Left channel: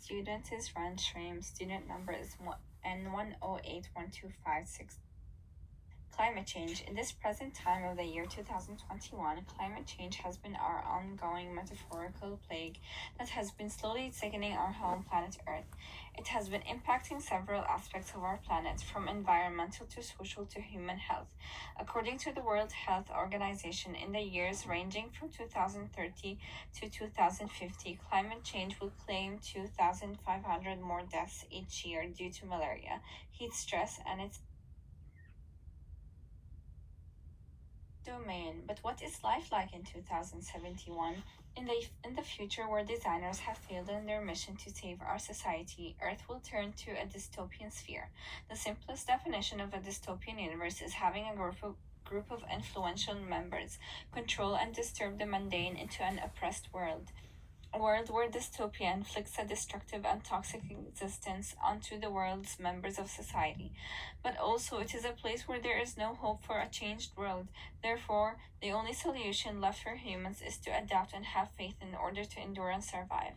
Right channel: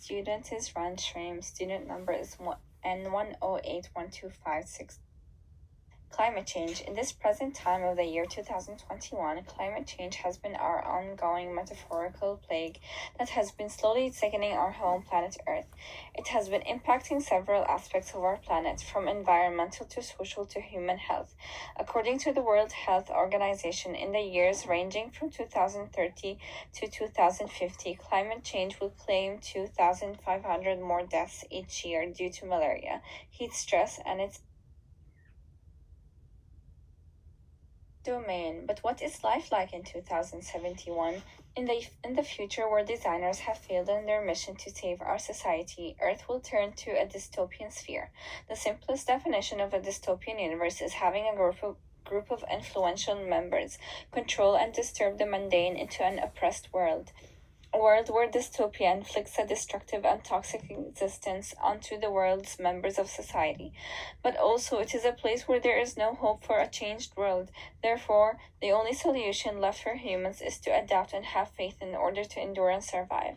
Student is Ran Shraim. Student number is N1081256. Climate change. In this present time of the year 2021, climate change has been our ongoing metaphorical plague that has been slowly sickening our home planet Earth. It has been impacting several aspects of our planet, from environmental to social to human health. According to the World Health Organization, in the years ranging from 2030 to 2050, climate change will claim 2,500 more deaths each year due to malaria, heat stress, and its domain. But what is life like in 2071? In the future, where designers have failed in their mission to save our society, Earth will turn to a dystopian sphere. The simplest definition of a dystopian universe is having a group of influential members control and disturb the mundane into an oppressed world. A world where dystopia inflicts a destructive and toxic existence onto the world's members of society. But also, it is a place where there is no hope for a changed world. Therefore, the only solution left for humans is to adapt and have faith in order to endure and survive.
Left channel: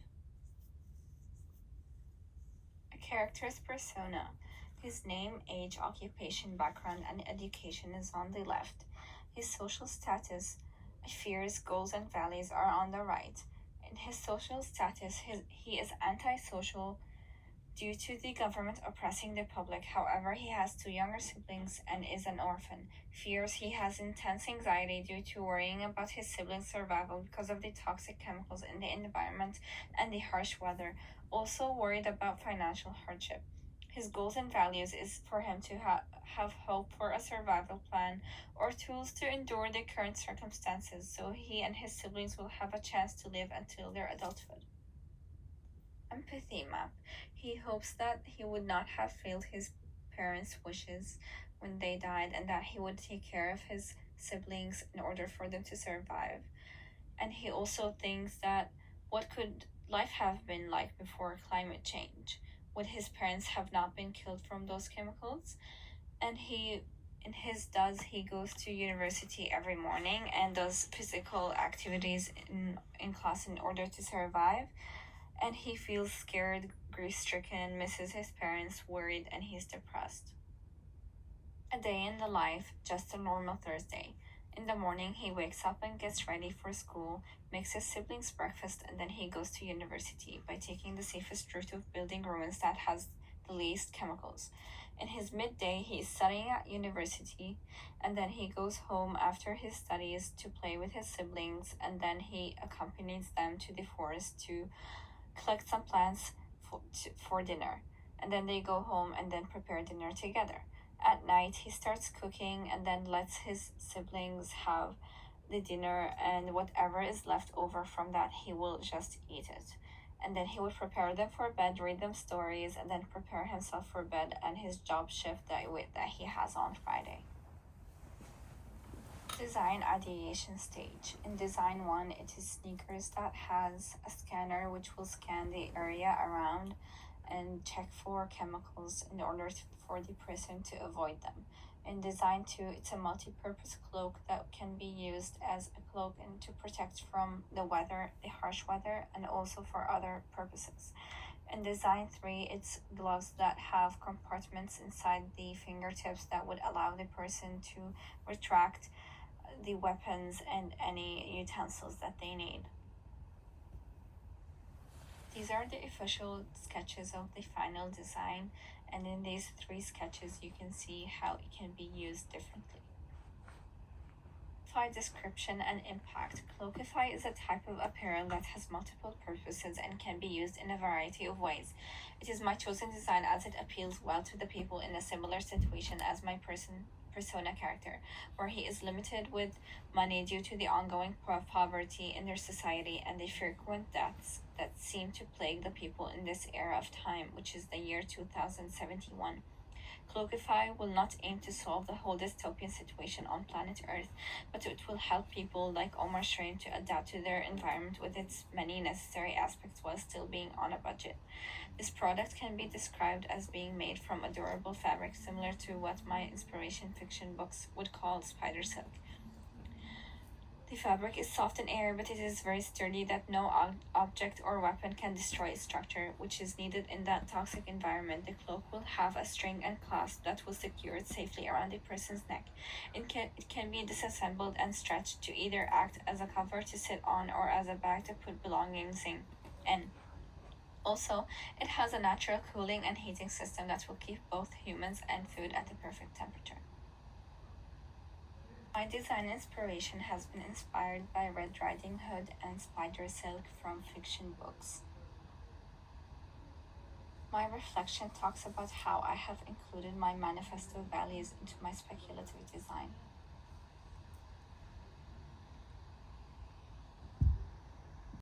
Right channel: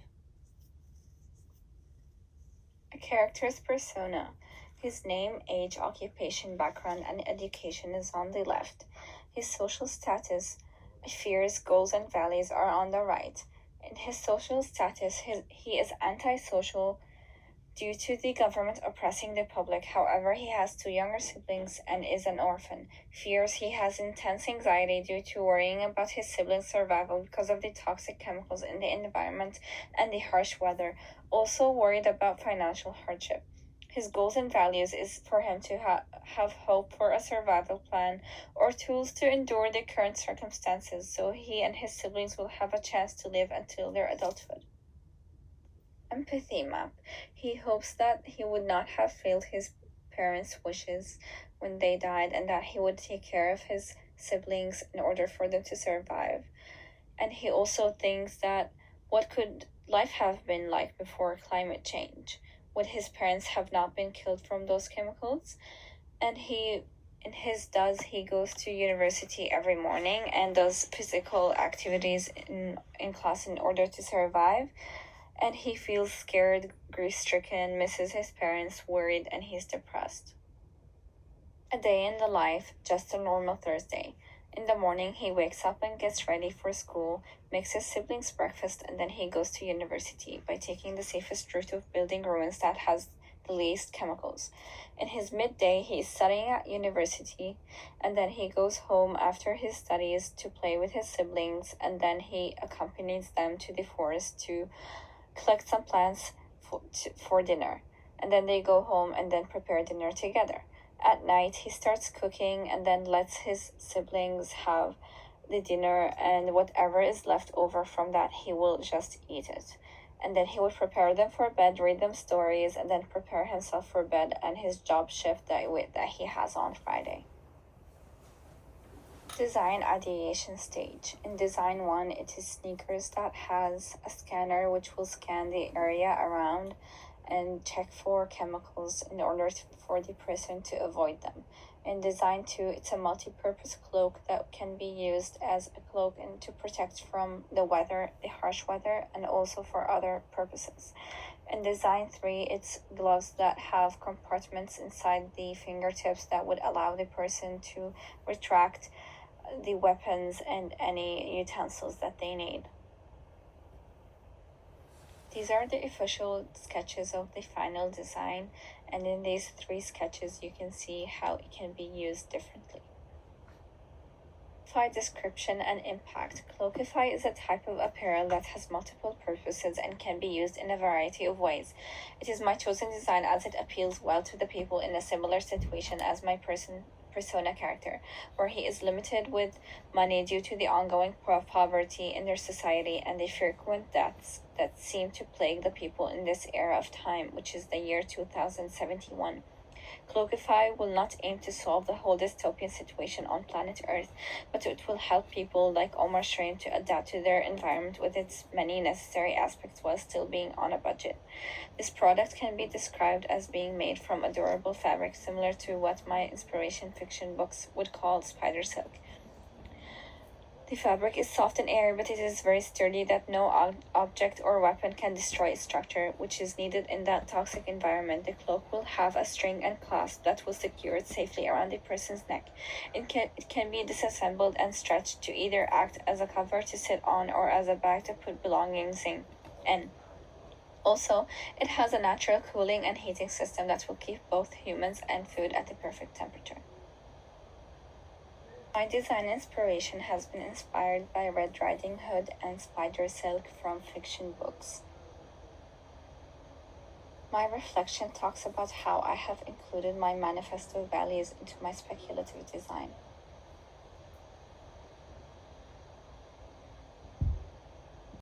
A character's persona. His name, age, occupation, background, and education is on the left. His social status, fears, goals, and values are on the right. In his social status, he is antisocial due to the government oppressing the public. However, he has two younger siblings and is an orphan. Fears. He has intense anxiety due to worrying about his siblings' survival because of the toxic chemicals in the environment and the harsh weather. Also worried about financial hardship. His goals and values is for him to have hope for a survival plan or tools to endure the current circumstances so he and his siblings will have a chance to live until their adulthood. Empathy map. He hopes that he would not have failed his parents' wishes when they died and that he would take care of his siblings in order for them to survive. And he also thinks that what could life have been like before climate change? Would his parents have not been killed from those chemicals? And he goes to university every morning and does physical activities in class in order to survive. And he feels scared, grief stricken, misses his parents, worried, and he's depressed. A day in the life, just a normal Thursday. In the morning, he wakes up and gets ready for school, makes his siblings breakfast, and then he goes to university by taking the safest route of building ruins that has the least chemicals. In his midday, he is studying at university, and then he goes home after his studies to play with his siblings, and then he accompanies them to the forest to collect some plants for dinner. And then they go home and then prepare dinner together. At night, he starts cooking and then lets his siblings have the dinner, and whatever is left over from that, he will just eat it. And then he would prepare them for bed, read them stories, and then prepare himself for bed and his job shift that he has on Friday. Design ideation stage. In design 1, it is sneakers that has a scanner which will scan the area around and check for chemicals in order for the person to avoid them. In design 2, it's a multi-purpose cloak that can be used as a cloak and to protect from the weather, the harsh weather, and also for other purposes. In design 3, it's gloves that have compartments inside the fingertips that would allow the person to retract the weapons and any utensils that they need. These are the official sketches of the final design, and in these 3 sketches you can see how it can be used differently. Description and impact. Cloakify is a type of apparel that has multiple purposes and can be used in a variety of ways. It is my chosen design as it appeals well to the people in a similar situation as my persona character, where he is limited with money due to the ongoing poverty in their society and the frequent deaths that seem to plague the people in this era of time, which is the year 2071. Cloakify will not aim to solve the whole dystopian situation on planet Earth, but it will help people like Omar Shraim to adapt to their environment with its many necessary aspects while still being on a budget. This product can be described as being made from a durable fabric similar to what my inspiration fiction books would call spider silk. The fabric is soft and airy, but it is very sturdy that no object or weapon can destroy its structure, which is needed in that toxic environment. The cloak will have a string and clasp that will secure it safely around a person's neck. It can be disassembled and stretched to either act as a cover to sit on or as a bag to put belongings in. Also, it has a natural cooling and heating system that will keep both humans and food at the perfect temperature. My design inspiration has been inspired by Red Riding Hood and Spider Silk from fiction books. My reflection talks about how I have included my manifesto values into my speculative design.